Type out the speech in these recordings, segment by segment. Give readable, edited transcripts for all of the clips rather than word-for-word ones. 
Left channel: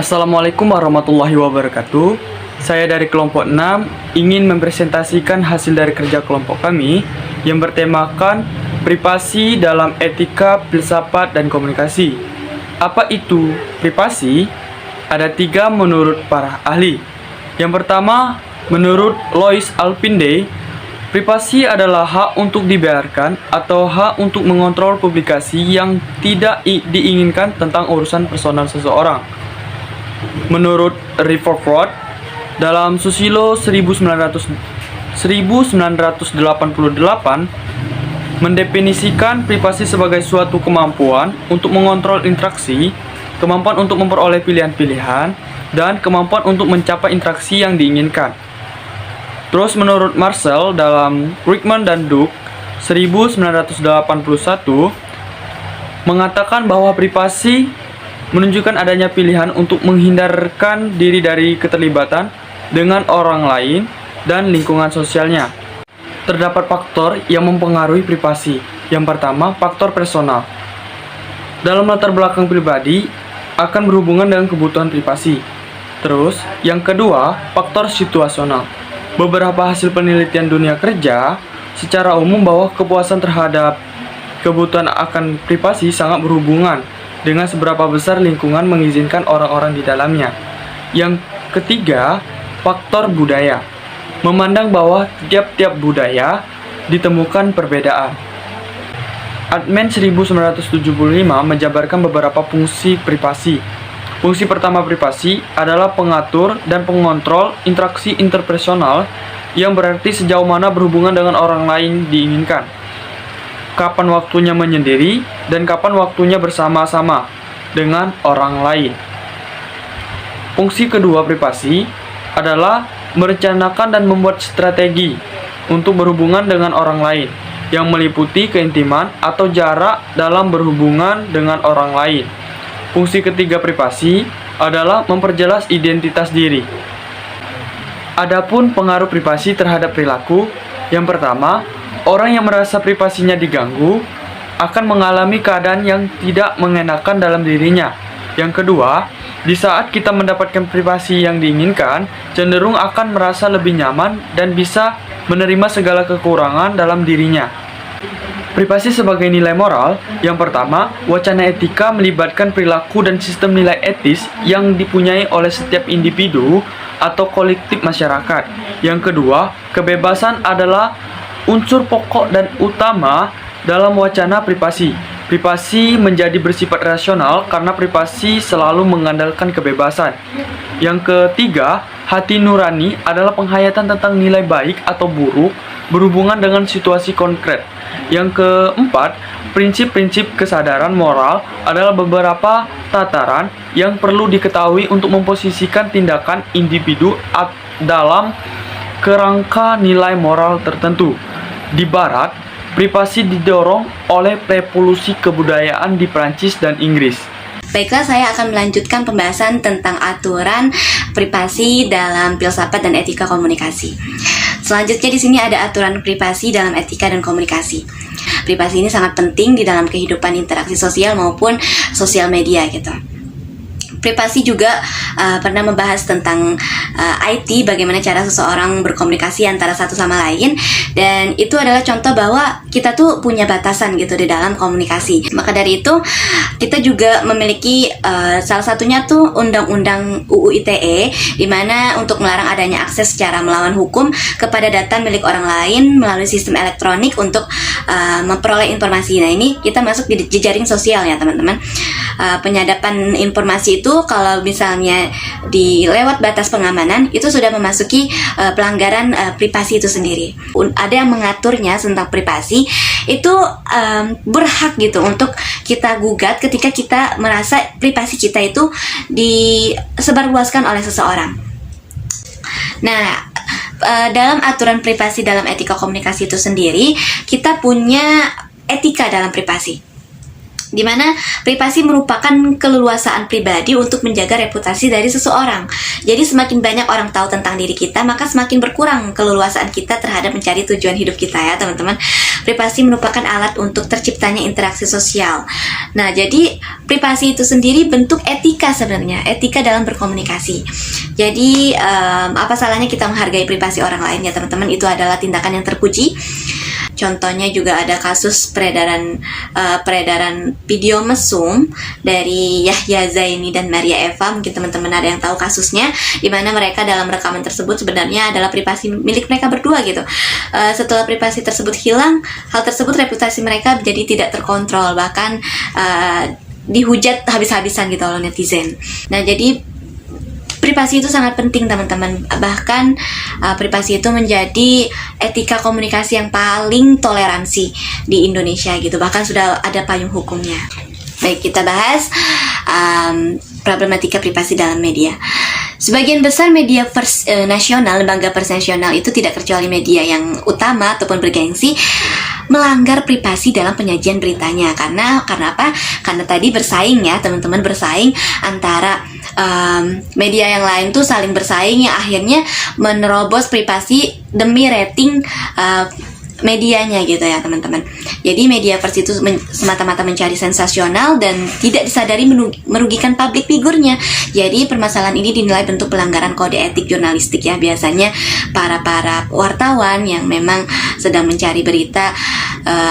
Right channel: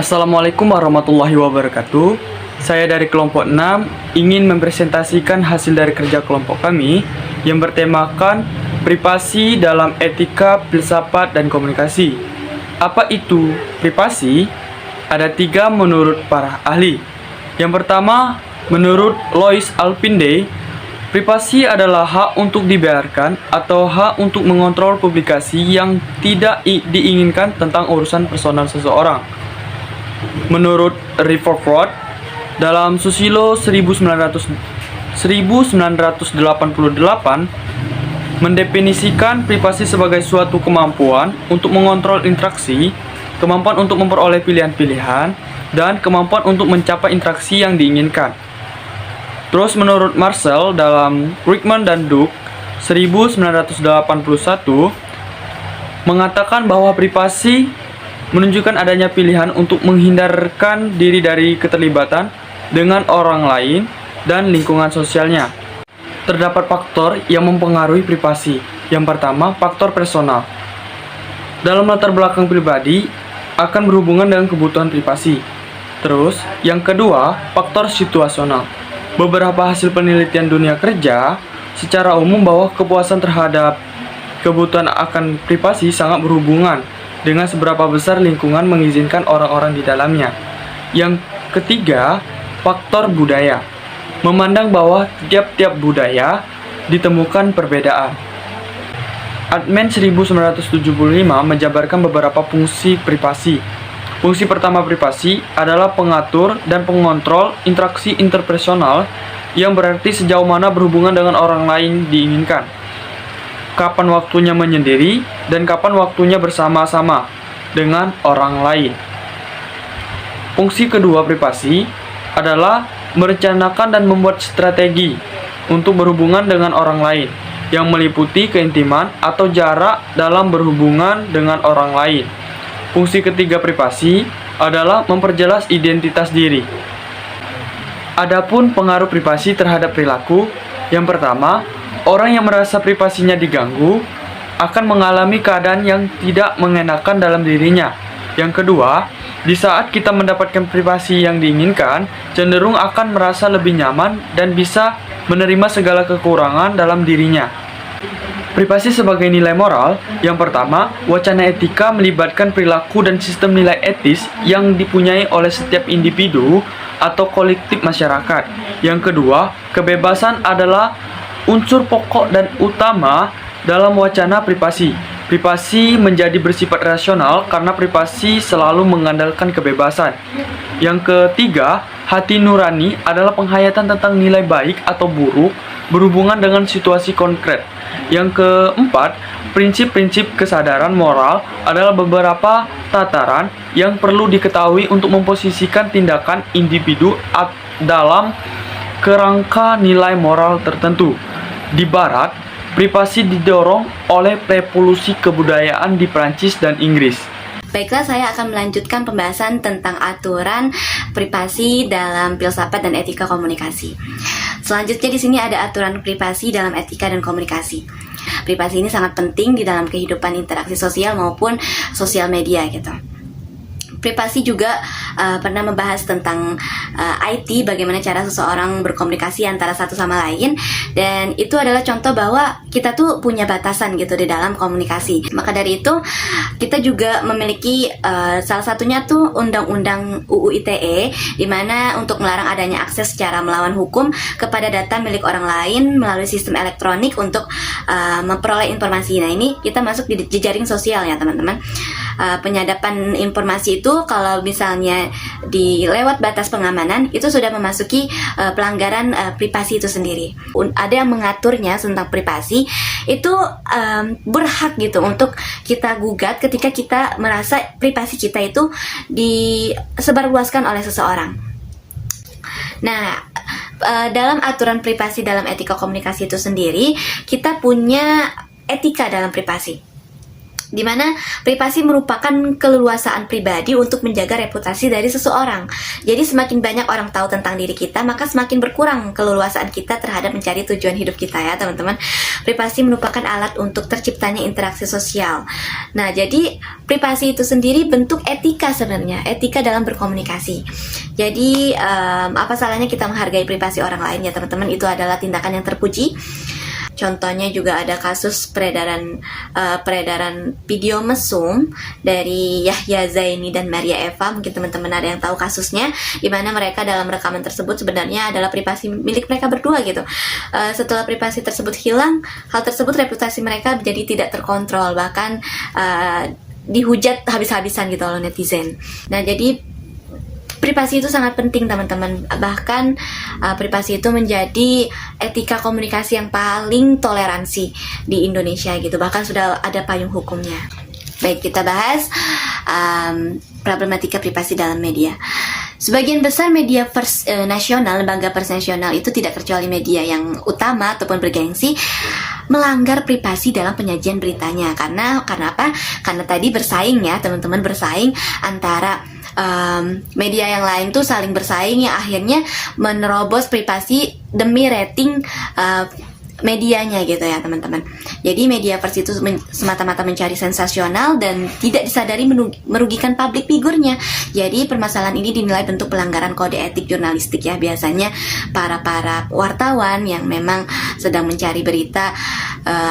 Assalamualaikum warahmatullahi wabarakatuh. Saya dari kelompok 6 ingin mempresentasikan hasil dari kerja kelompok kami yang bertemakan privasi dalam etika, filsafat, dan komunikasi. Apa itu privasi? Ada 3 menurut para ahli. Yang pertama, menurut Lois Alpinde, privasi adalah hak untuk dibiarkan atau hak untuk mengontrol publikasi yang tidak diinginkan tentang urusan personal seseorang. Menurut Rutherford, dalam Susilo 1988 mendefinisikan privasi sebagai suatu kemampuan untuk mengontrol interaksi, kemampuan untuk memperoleh pilihan-pilihan, dan kemampuan untuk mencapai interaksi yang diinginkan. Terus menurut Marcel dalam Rickman dan Duke 1981 mengatakan bahwa privasi menunjukkan adanya pilihan untuk menghindarkan diri dari keterlibatan dengan orang lain dan lingkungan sosialnya. Terdapat faktor yang mempengaruhi privasi. Yang pertama, faktor personal. Dalam latar belakang pribadi akan berhubungan dengan kebutuhan privasi. Terus, yang kedua, faktor situasional. Beberapa hasil penelitian dunia kerja secara umum bahwa kepuasan terhadap kebutuhan akan privasi sangat berhubungan dengan seberapa besar lingkungan mengizinkan orang-orang di dalamnya. Yang ketiga, faktor budaya. Memandang bahwa tiap-tiap budaya ditemukan perbedaan. Adman 1975 menjabarkan beberapa fungsi privasi. Fungsi pertama privasi adalah pengatur dan pengontrol interaksi interpersonal yang berarti sejauh mana berhubungan dengan orang lain diinginkan, kapan waktunya menyendiri, dan kapan waktunya bersama-sama dengan orang lain. Fungsi kedua privasi adalah merencanakan dan membuat strategi untuk berhubungan dengan orang lain yang meliputi keintiman atau jarak dalam berhubungan dengan orang lain. Fungsi ketiga privasi adalah memperjelas identitas diri. Adapun pengaruh privasi terhadap perilaku, yang pertama, orang yang merasa privasinya diganggu akan mengalami keadaan yang tidak mengenakan dalam dirinya. Yang kedua, di saat kita mendapatkan privasi yang diinginkan, cenderung akan merasa lebih nyaman dan bisa menerima segala kekurangan dalam dirinya. Privasi sebagai nilai moral, yang pertama, wacana etika melibatkan perilaku dan sistem nilai etis yang dipunyai oleh setiap individu atau kolektif masyarakat. Yang kedua, kebebasan adalah unsur pokok dan utama dalam wacana privasi. Privasi menjadi bersifat rasional karena privasi selalu mengandalkan kebebasan. Yang ketiga, hati nurani adalah penghayatan tentang nilai baik atau buruk berhubungan dengan situasi konkret. Yang keempat, prinsip-prinsip kesadaran moral adalah beberapa tataran yang perlu diketahui untuk memposisikan tindakan individu dalam kerangka nilai moral tertentu. Di Barat, privasi didorong oleh revolusi kebudayaan di Prancis dan Inggris. Baiklah, saya akan melanjutkan pembahasan tentang aturan privasi dalam filsafat dan etika komunikasi. Selanjutnya di sini ada aturan privasi dalam etika dan komunikasi. Privasi ini sangat penting di dalam kehidupan interaksi sosial maupun sosial media gitu. Privasi juga pernah membahas tentang IT, bagaimana cara seseorang berkomunikasi antara satu sama lain, dan itu adalah contoh bahwa kita tuh punya batasan gitu di dalam komunikasi. Maka dari itu kita juga memiliki salah satunya tuh Undang-Undang UU ITE, di mana untuk melarang adanya akses secara melawan hukum kepada data milik orang lain melalui sistem elektronik untuk memperoleh informasi. Nah, ini kita masuk di jejaring sosial ya teman-teman. Penyadapan informasi itu kalau misalnya di lewat batas pengamanan itu sudah memasuki pelanggaran privasi itu sendiri. Ada yang mengaturnya tentang privasi itu berhak gitu untuk kita gugat ketika kita merasa privasi kita itu disebarluaskan oleh seseorang. Nah, dalam aturan privasi dalam etika komunikasi itu sendiri, kita punya etika dalam privasi. di mana privasi merupakan keleluasaan pribadi untuk menjaga reputasi dari seseorang. Jadi semakin banyak orang tahu tentang diri kita, maka semakin berkurang keleluasaan kita terhadap mencari tujuan hidup kita ya teman-teman. Privasi merupakan alat untuk terciptanya interaksi sosial. Nah, jadi privasi itu sendiri bentuk etika sebenarnya, etika dalam berkomunikasi. Jadi apa salahnya kita menghargai privasi orang lain ya teman-teman, itu adalah tindakan yang terpuji. Contohnya juga ada kasus peredaran video mesum dari Yahya Zaini dan Maria Eva. Mungkin teman-teman ada yang tahu kasusnya, di mana mereka dalam rekaman tersebut sebenarnya adalah privasi milik mereka berdua gitu. Setelah privasi tersebut hilang, hal tersebut reputasi mereka jadi tidak terkontrol, bahkan dihujat habis-habisan gitu oleh netizen. Nah, jadi privasi itu sangat penting teman-teman. Bahkan privasi itu menjadi etika komunikasi yang paling toleransi di Indonesia gitu. Bahkan sudah ada payung hukumnya. Baik, kita bahas problematika privasi dalam media. Sebagian besar media pers nasional, lembaga pers nasional itu tidak kecuali media yang utama ataupun bergengsi, melanggar privasi dalam penyajian beritanya. Karena apa? Karena tadi bersaing ya teman-teman, bersaing antara media yang lain tuh saling bersaing yang akhirnya menerobos privasi demi rating medianya gitu ya teman-teman. Jadi media pers itu semata-mata mencari sensasional dan tidak disadari merugikan publik figurnya. Jadi permasalahan ini dinilai bentuk pelanggaran kode etik jurnalistik ya. Biasanya para wartawan yang memang sedang mencari berita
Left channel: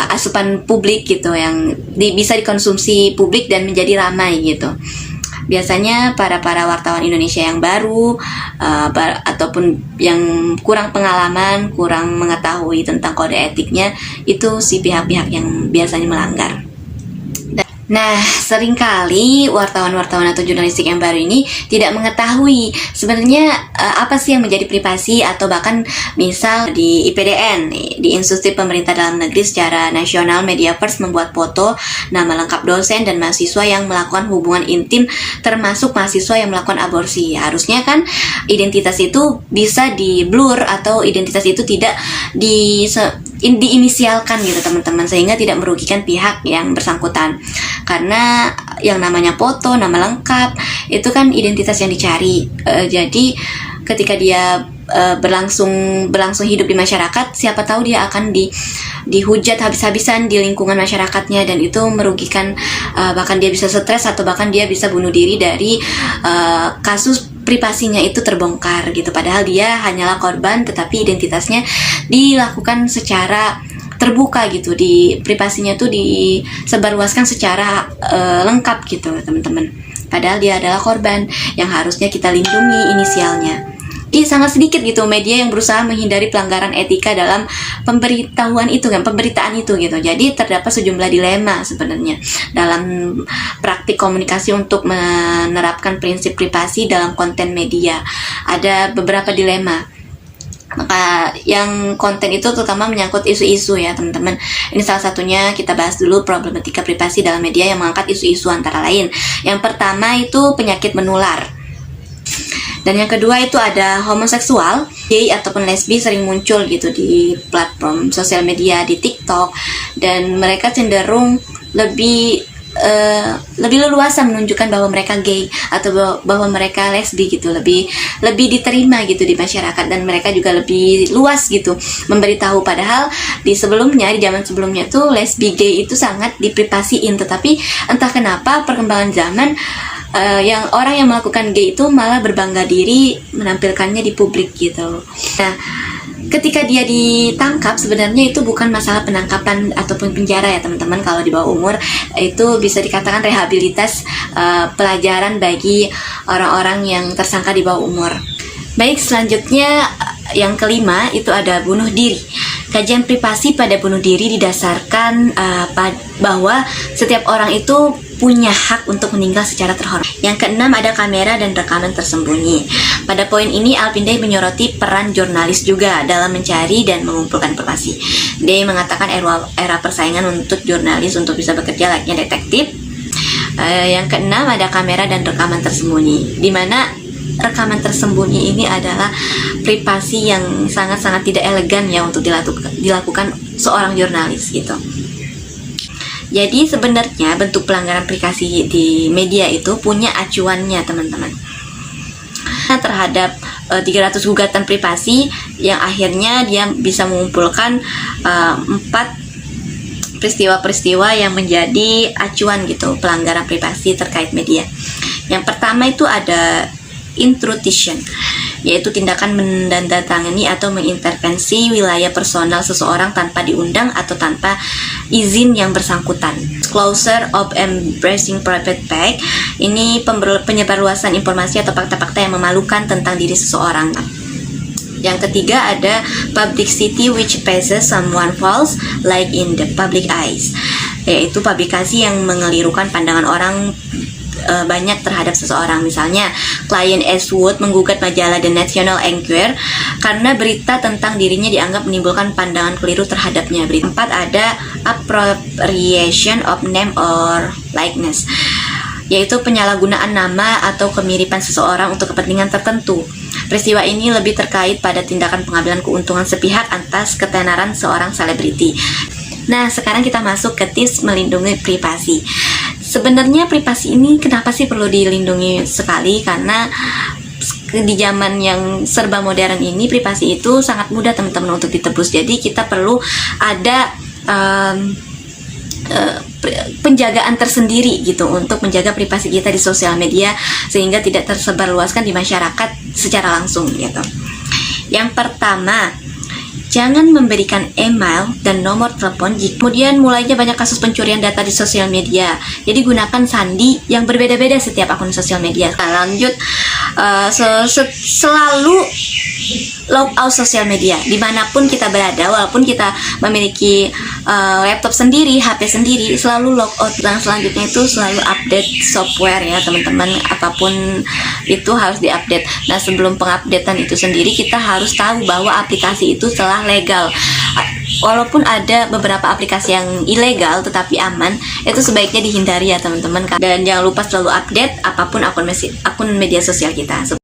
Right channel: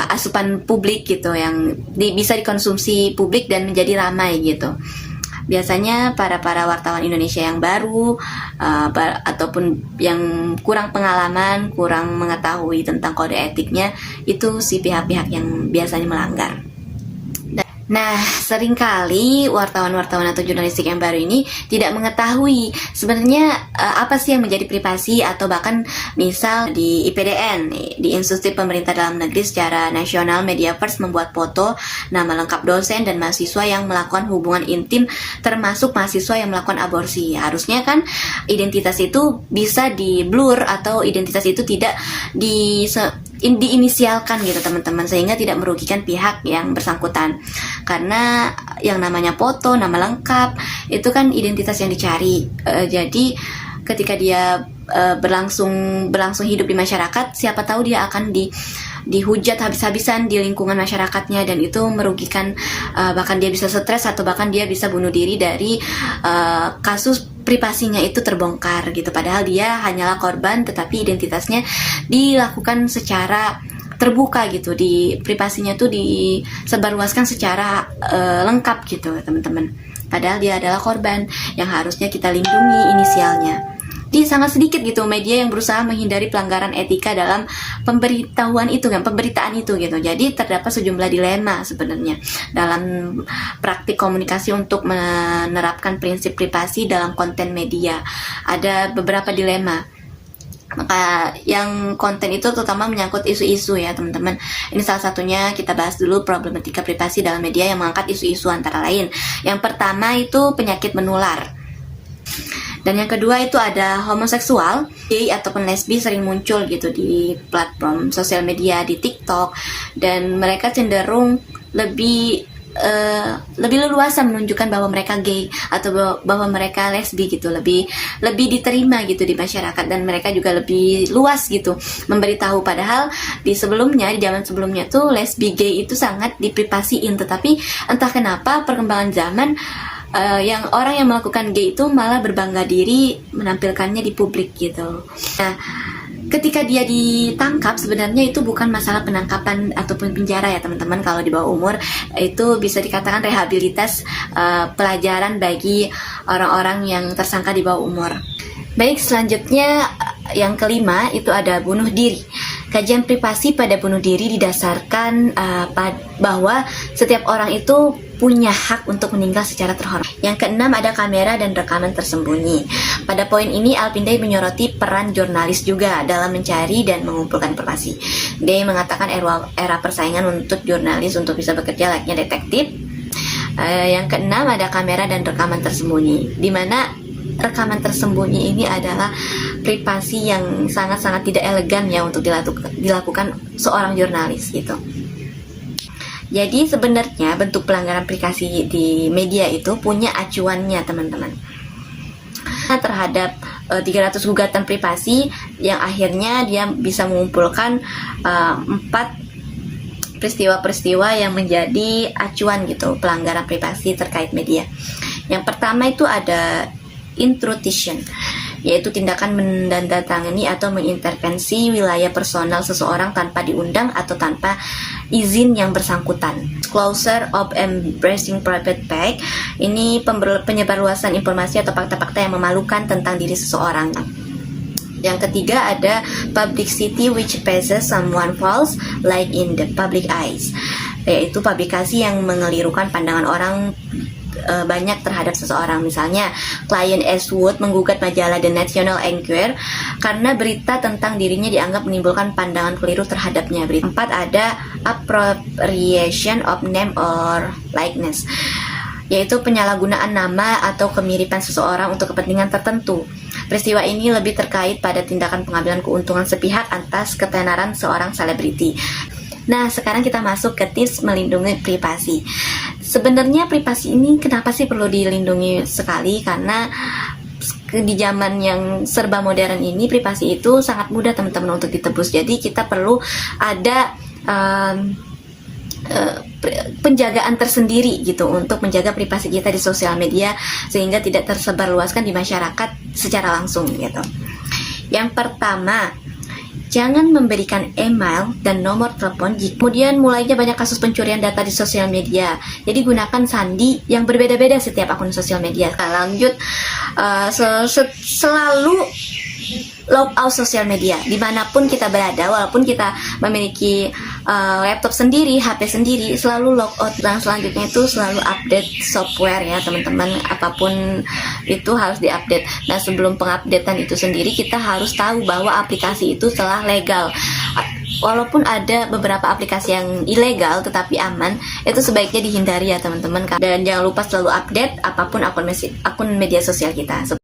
asupan publik gitu, yang bisa dikonsumsi publik dan menjadi ramai gitu. Biasanya para wartawan Indonesia yang baru ataupun yang kurang pengalaman, kurang mengetahui tentang kode etiknya, itu si pihak-pihak yang biasanya melanggar. Nah, seringkali wartawan-wartawan atau jurnalistik yang baru ini tidak mengetahui sebenarnya apa sih yang menjadi privasi, atau bahkan misal di IPDN, di Institut Pemerintah Dalam Negeri secara nasional, media pers membuat foto, nama lengkap dosen dan mahasiswa yang melakukan hubungan intim, termasuk mahasiswa yang melakukan aborsi. Harusnya kan identitas itu bisa di blur atau identitas itu tidak diinisialkan gitu teman-teman, sehingga tidak merugikan pihak yang bersangkutan. Karena yang namanya foto, nama lengkap, itu kan identitas yang dicari. Jadi ketika dia berlangsung hidup di masyarakat, siapa tahu dia akan dihujat habis-habisan di lingkungan masyarakatnya, dan itu merugikan, bahkan dia bisa stres atau bahkan dia bisa bunuh diri dari kasus privasinya itu terbongkar gitu. Padahal dia hanyalah korban, tetapi identitasnya dilakukan secara terbuka gitu, di privasinya tuh disebarluaskan secara lengkap gitu teman-teman. Padahal dia adalah korban yang harusnya kita lindungi inisialnya. Jadi sangat sedikit gitu media yang berusaha menghindari pelanggaran etika dalam pemberitaan itu gitu. Jadi terdapat sejumlah dilema sebenarnya dalam praktik komunikasi untuk menerapkan prinsip privasi dalam konten media. Ada beberapa dilema. Maka yang konten itu terutama menyangkut isu-isu ya teman-teman. Ini salah satunya, kita bahas dulu problematika privasi dalam media yang mengangkat isu-isu antara lain. Yang pertama itu penyakit menular. Dan yang kedua itu ada homoseksual, gay ataupun lesbi sering muncul gitu di platform sosial media, di TikTok, dan mereka cenderung lebih leluasa menunjukkan bahwa mereka gay atau bahwa mereka lesbi gitu, lebih diterima gitu di masyarakat, dan mereka juga lebih luas gitu memberitahu. Padahal di zaman sebelumnya tuh lesbi gay itu sangat diprivasiin, tetapi entah kenapa perkembangan zaman yang orang yang melakukan gay itu malah berbangga diri menampilkannya di publik gitu. Nah, ketika dia ditangkap, sebenarnya itu bukan masalah penangkapan ataupun penjara ya teman-teman. Kalau di bawah umur itu bisa dikatakan rehabilitas, pelajaran bagi orang-orang yang tersangka di bawah umur. Baik, selanjutnya yang kelima itu ada bunuh diri. Kajian privasi pada bunuh diri didasarkan bahwa setiap orang itu punya hak untuk meninggal secara terhormat. Yang keenam ada kamera dan rekaman tersembunyi. Pada poin ini Alpindai menyoroti peran jurnalis juga dalam mencari dan mengumpulkan privasi. Dia mengatakan era persaingan untuk jurnalis untuk bisa bekerja layaknya detektif. Yang keenam ada kamera dan rekaman tersembunyi, di mana rekaman tersembunyi ini adalah privasi yang sangat-sangat tidak elegan ya untuk dilakukan seorang jurnalis gitu. Jadi sebenarnya bentuk pelanggaran privasi di media itu punya acuannya teman-teman. Terhadap 300 gugatan privasi yang akhirnya dia bisa mengumpulkan 4 peristiwa-peristiwa yang menjadi acuan gitu pelanggaran privasi terkait media. Yang pertama itu ada intrusion, yaitu tindakan menandatangani atau mengintervensi wilayah personal seseorang tanpa diundang atau tanpa izin yang bersangkutan. Disclosure of embracing private fact, ini penyebarluasan informasi atau fakta-fakta yang memalukan tentang diri seseorang. Yang ketiga ada publicity which passes someone false like in the public eyes, yaitu publikasi yang mengelirukan pandangan orang banyak terhadap seseorang. Misalnya, klien Eastwood menggugat majalah The National Enquirer karena berita tentang dirinya dianggap menimbulkan pandangan keliru terhadapnya. Berita keempat ada appropriation of name or likeness, yaitu penyalahgunaan nama atau kemiripan seseorang untuk kepentingan tertentu. Peristiwa ini lebih terkait pada tindakan pengambilan keuntungan sepihak atas ketenaran seorang selebriti. Nah, sekarang kita masuk ke tips melindungi privasi. Sebenarnya privasi ini kenapa sih perlu dilindungi sekali? Karena di zaman yang serba modern ini privasi itu sangat mudah teman-teman untuk ditebus. Jadi kita perlu ada penjagaan tersendiri gitu untuk menjaga privasi kita di sosial media sehingga tidak tersebarluaskan di masyarakat secara langsung gitu. Yang pertama, jangan memberikan email dan nomor telepon. Kemudian mulainya banyak kasus pencurian data di sosial media. Jadi gunakan sandi yang berbeda-beda setiap akun sosial media. Nah, lanjut, selalu log out sosial media dimanapun kita berada, walaupun kita memiliki laptop sendiri, HP sendiri, selalu log out. Dan selanjutnya itu selalu update software ya teman-teman, apapun itu harus diupdate. Nah, sebelum pengupdatean itu sendiri kita harus tahu bahwa aplikasi itu telah legal. Walaupun ada beberapa aplikasi yang ilegal tetapi aman, itu sebaiknya dihindari ya teman-teman. Dan jangan lupa selalu update apapun akun media sosial kita.